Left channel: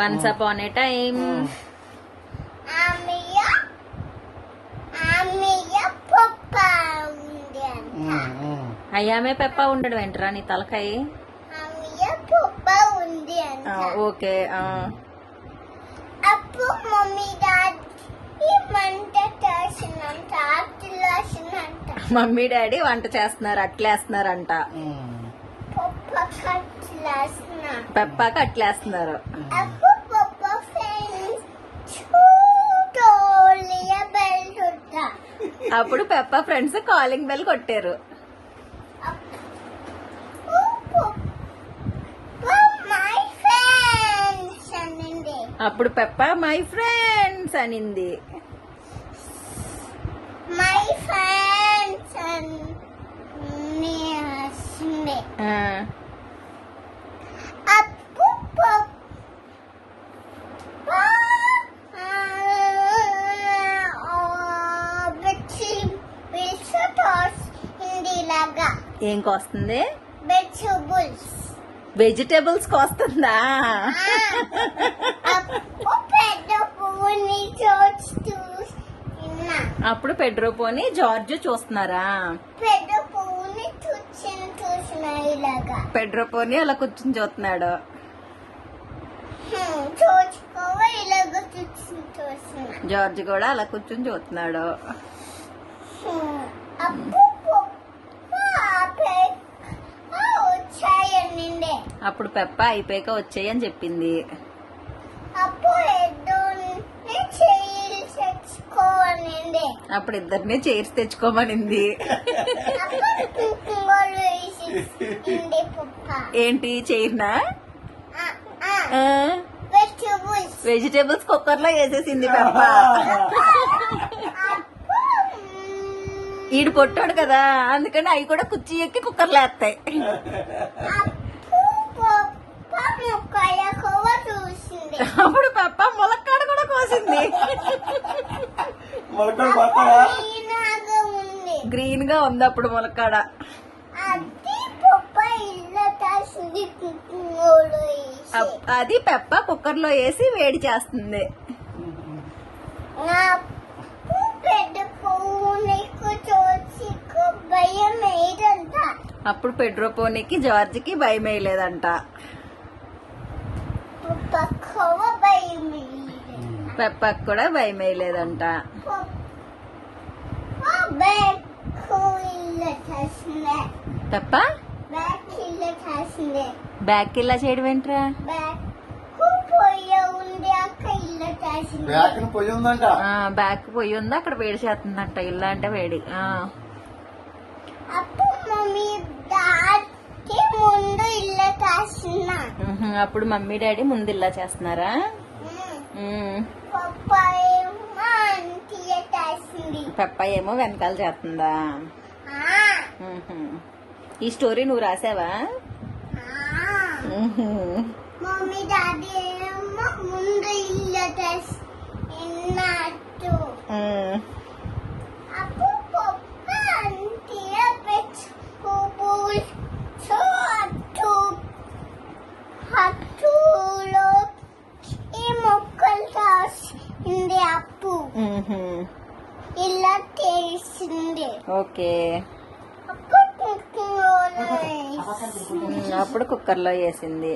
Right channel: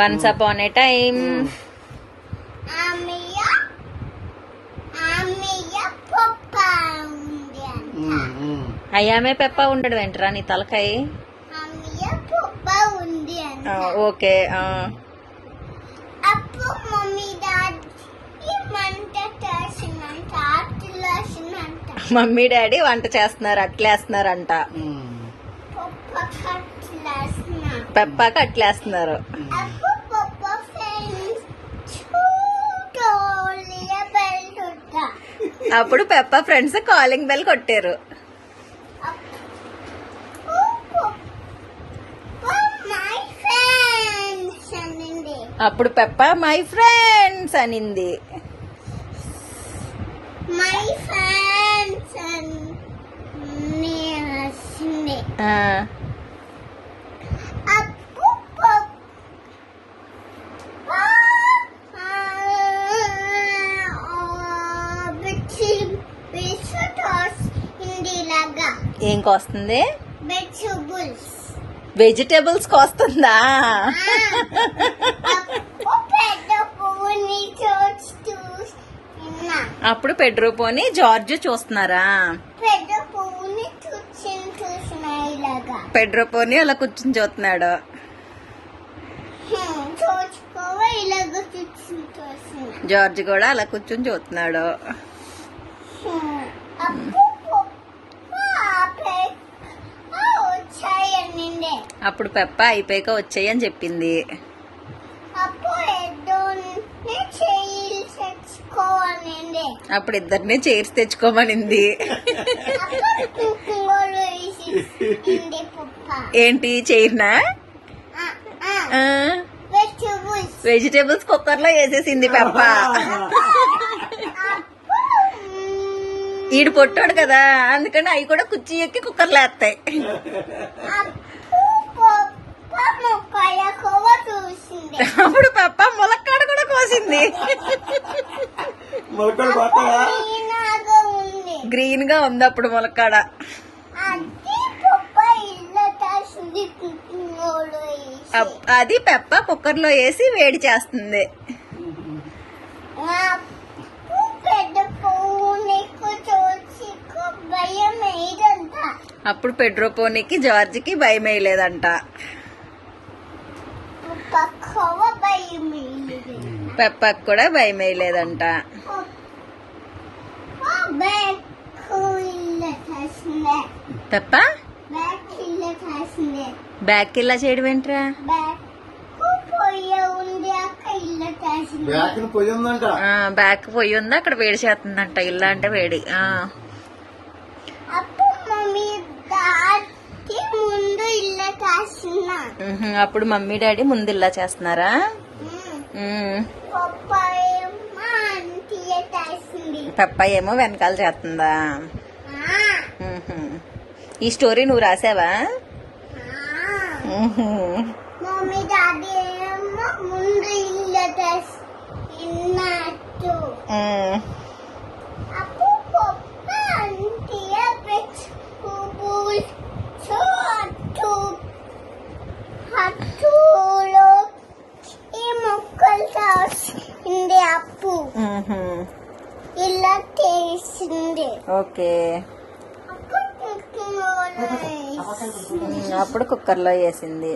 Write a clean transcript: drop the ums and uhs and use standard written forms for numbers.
Once upon a time అయ్యామే పెప్ప ఉండడు వెంటరా నీ తలకాయ. ఓకే. మమ్మీ డాడీ వంట చేస్తున్నారు, అట్లేస్తున్నారంట. పెప్పకి అట్లేస్తున్నారు. అప్పుడు పెప్ప ఫ్రెండ్స్ కాలింగ్ బెల్ కొట్టారు. అప్పుడు పెప్ప మై ఫ్రెండ్స్ అనింది. ఏం కోస్తుంది? వెజిటేబుల్స్ కోస్తుందా? అప్పుడు పెడ్రోపోని జార్జ్ చూస్తున్నారా? పెడ్రోపోని అలా కూర్చుని చూస్తున్నాడు. జార్జ్ కూడా అలా కూర్చుని చూస్తున్నాడు. అప్పుడు పెప్ప అయిపోయాక వచ్చాయని చెప్పింది. అప్పుడు ఇద్దరిని చైర్స్ తెచ్చుకోమనింది. ఏంటి చైర్నా? వెజిటేబుల్స్ కుక్కర్ లో వేసేసింది పెప్ప. ఈడు పొట్టాడు కదా, అందుకని అవి కూడా కుర్చీ ఎక్కి కుక్కర్లో వేస్తాయి. అప్పుడు పెప్ప ములక్కాడ కూడా కోసింది. గ్రీన్ గా ఉంది అప్పుడు ములక్కాడ. అది పెప్ప కుక్కర్ లో వేసి వేడి చేస్తుంది. అప్పుడు పెడ్రోపోనికి జార్జ్కి భయం వేయలేదంట. పెప్పకు కూడా భయం వేయలేదంట. పెప్ప బ్యాక్ ఇలా చేయడం ఏంట్రా? బ్యాక్ పొయ్యి ఉంది, అక్కడ వేడి చేస్తుందంట. ఇల్లా అంటే వేడి. అప్పుడు మమ్మీ డాడీ ముందు ఇలా చేస్తున్నారా? పెప్ప ఏమో వెనకాల చేస్తుందా? ఈ స్టోరీ నువ్వు రాసావా? ఇలా తెలిసింది. ఓకే. అప్పుడు కుక్కర్ లో వేసింది.